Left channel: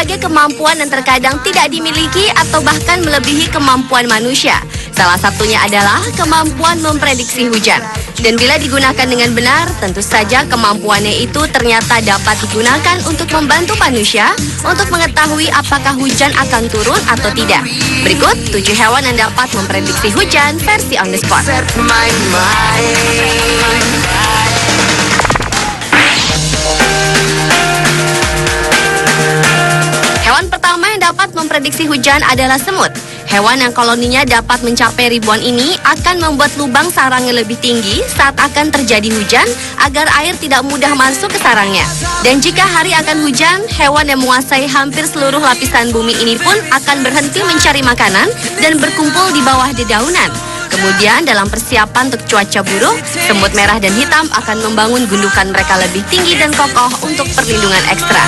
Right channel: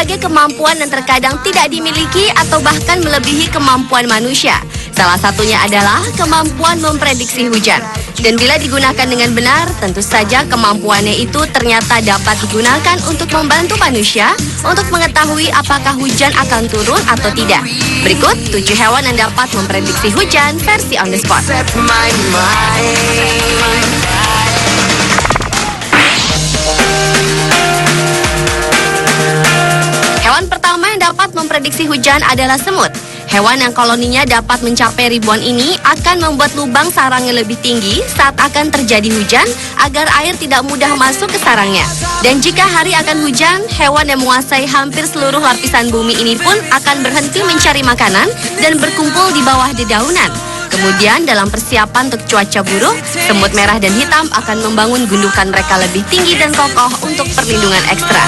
berbagai kemampuan yang terkadang tidak dimiliki atau bahkan melebihi kemampuan manusia. Salah satunya adalah kemampuan memprediksi hujan. Dan bila digunakan dengan benar, tentu saja kemampuannya itu ternyata dapat digunakan untuk membantu manusia untuk mengetahui apakah hujan akan turun atau tidak. Berikut 7 hewan yang dapat memprediksi hujan versi on the spot. Hewan pertama yang dapat memprediksi hujan adalah semut. Hewan yang koloninya dapat mencapai ribuan ini akan membuat lubang sarangnya lebih tinggi saat akan terjadi hujan agar air tidak mudah masuk ke sarangnya. Dan jika hari akan hujan, hewan yang menguasai hampir seluruh lapisan bumi ini pun akan berhenti mencari makanan dan berkumpul di bawah dedaunan. Kemudian dalam persiapan untuk cuaca buruk, semut merah dan hitam akan membangun gundukan mereka lebih tinggi dan kokoh untuk perlindungan ekstra.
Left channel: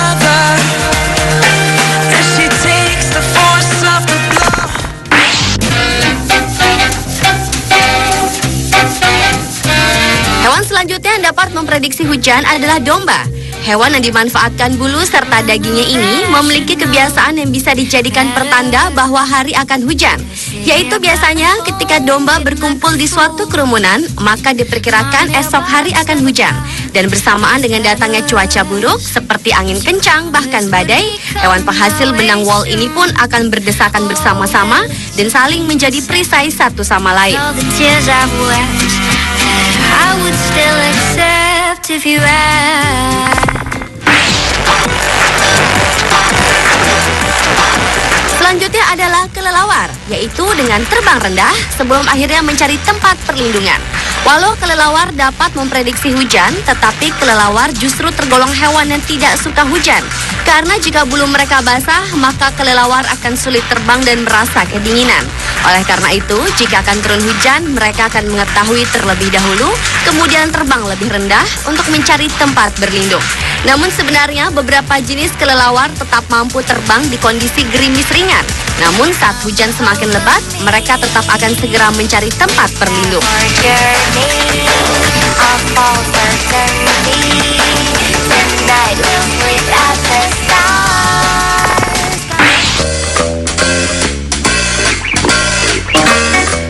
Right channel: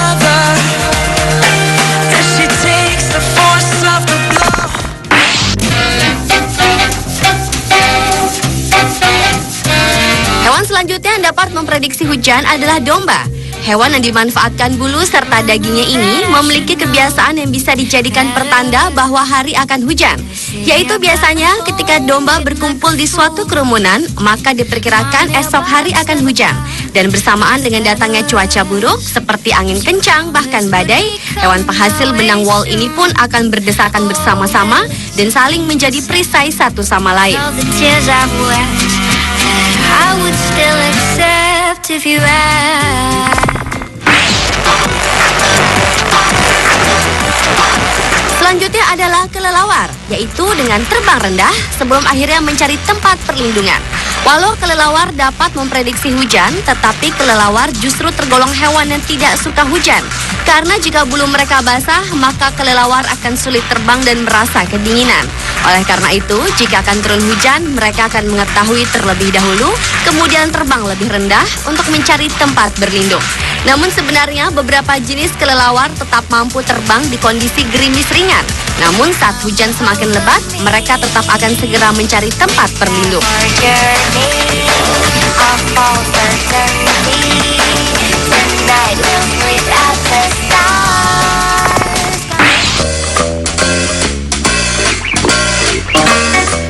Hewan selanjutnya yang dapat memprediksi hujan adalah domba. Hewan yang dimanfaatkan bulu serta dagingnya ini memiliki kebiasaan yang bisa dijadikan pertanda bahwa hari akan hujan. Yaitu biasanya ketika domba berkumpul di suatu kerumunan, maka diperkirakan esok hari akan hujan. Dan bersamaan dengan datangnya cuaca buruk seperti angin kencang bahkan badai, hewan penghasil benang wol ini pun akan berdesakan bersama-sama dan saling menjadi perisai satu sama lain. Selanjutnya adalah kelelawar, yaitu dengan terbang rendah sebelum akhirnya mencari tempat perlindungan. Walau kelelawar dapat memprediksi hujan, tetapi kelelawar justru tergolong hewan yang tidak suka hujan. Karena jika bulu mereka basah, maka kelelawar akan sulit terbang dan merasa kedinginan. Oleh karena itu, jika akan turun hujan, mereka akan mengetahui terlebih dahulu, kemudian terbang lebih rendah untuk mencari tempat berlindung. Namun sebenarnya beberapa jenis kelelawar tetap mampu terbang di kondisi gerimis ringan. Namun saat hujan semakin lebat, mereka tetap akan segera mencari tempat berlindung.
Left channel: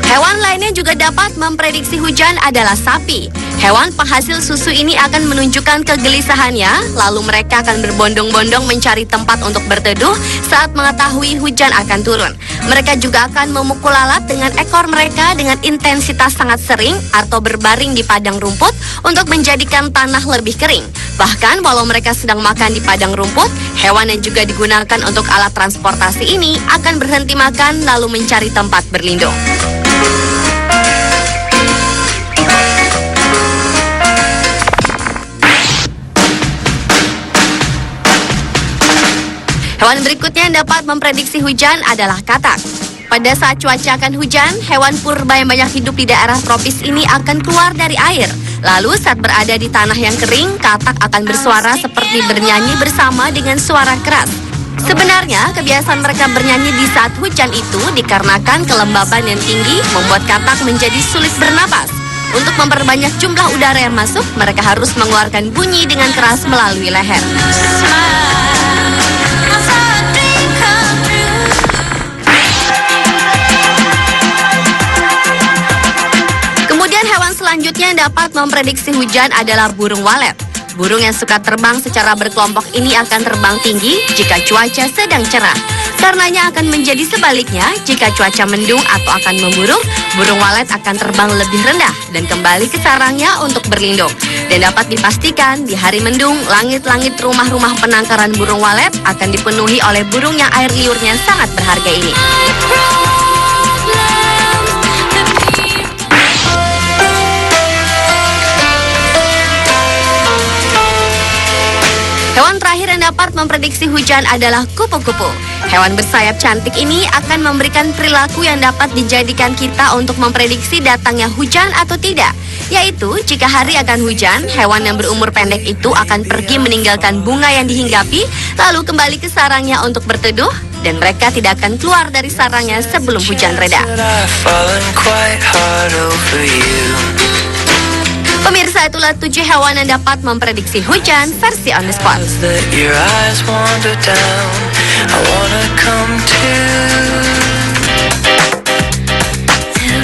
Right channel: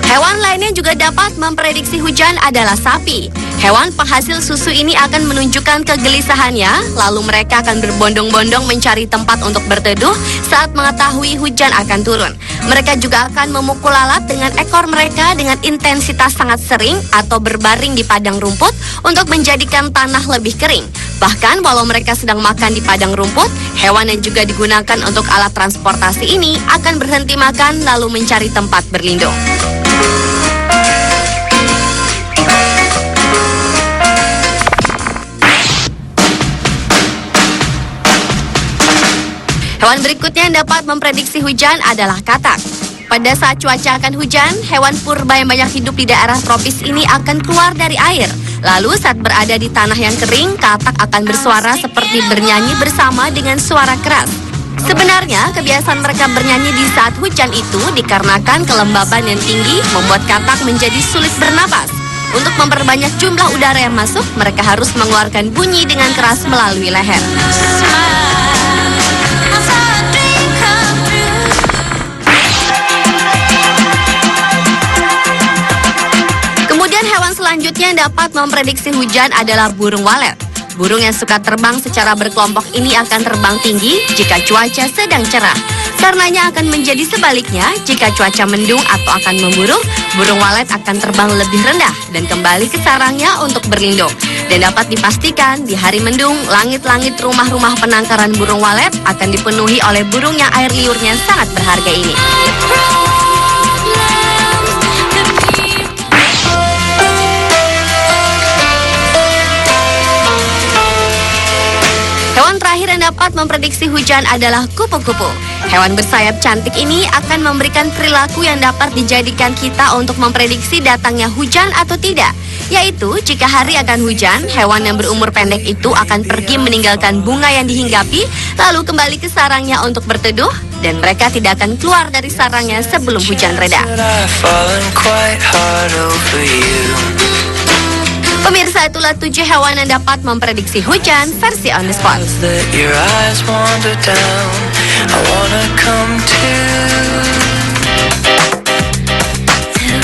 Hewan lainnya juga dapat memprediksi hujan adalah sapi. Hewan penghasil susu ini akan menunjukkan kegelisahannya, lalu mereka akan berbondong-bondong mencari tempat untuk berteduh saat mengetahui hujan akan turun. Mereka juga akan memukul lalat dengan ekor mereka dengan intensitas sangat sering atau berbaring di padang rumput untuk menjadikan tanah lebih kering. Bahkan walau mereka sedang makan di padang rumput, hewan yang juga digunakan untuk alat transportasi ini akan berhenti makan lalu mencari tempat berlindung. Hewan berikutnya yang dapat memprediksi hujan adalah katak. Pada saat cuaca akan hujan, hewan purba yang banyak hidup di daerah tropis ini akan keluar dari air. Lalu saat berada di tanah yang kering, katak akan bersuara seperti bernyanyi bersama dengan suara keras. Sebenarnya, kebiasaan mereka bernyanyi di saat hujan itu dikarenakan kelembaban yang tinggi membuat katak menjadi sulit bernapas. Untuk memperbanyak jumlah udara yang masuk, mereka harus mengeluarkan bunyi dengan keras melalui leher. Kemudian hewan selanjutnya yang dapat memprediksi hujan adalah burung walet. Burung yang suka terbang secara berkelompok ini akan terbang tinggi jika cuaca sedang cerah. Karenanya akan menjadi sebaliknya jika cuaca mendung atau akan memburuk, burung walet akan terbang lebih rendah dan kembali ke sarangnya untuk berlindung. Dan dapat dipastikan di hari mendung, langit-langit rumah-rumah penangkaran burung walet akan dipenuhi oleh burung yang air liurnya sangat berharga ini. Hewan terakhir yang dapat memprediksi hujan adalah kupu-kupu. Hewan bersayap cantik ini akan memberikan perilaku yang dapat dijadikan kita untuk memprediksi datangnya hujan atau tidak. Yaitu, jika hari akan hujan, hewan yang berumur pendek itu akan pergi meninggalkan bunga yang dihinggapi, lalu kembali ke sarangnya untuk berteduh, dan mereka tidak akan keluar dari sarangnya sebelum hujan reda. Pemirsa, itulah 7 hewan yang dapat memprediksi hujan versi on the spot. That your eyes wander down. I wanna come to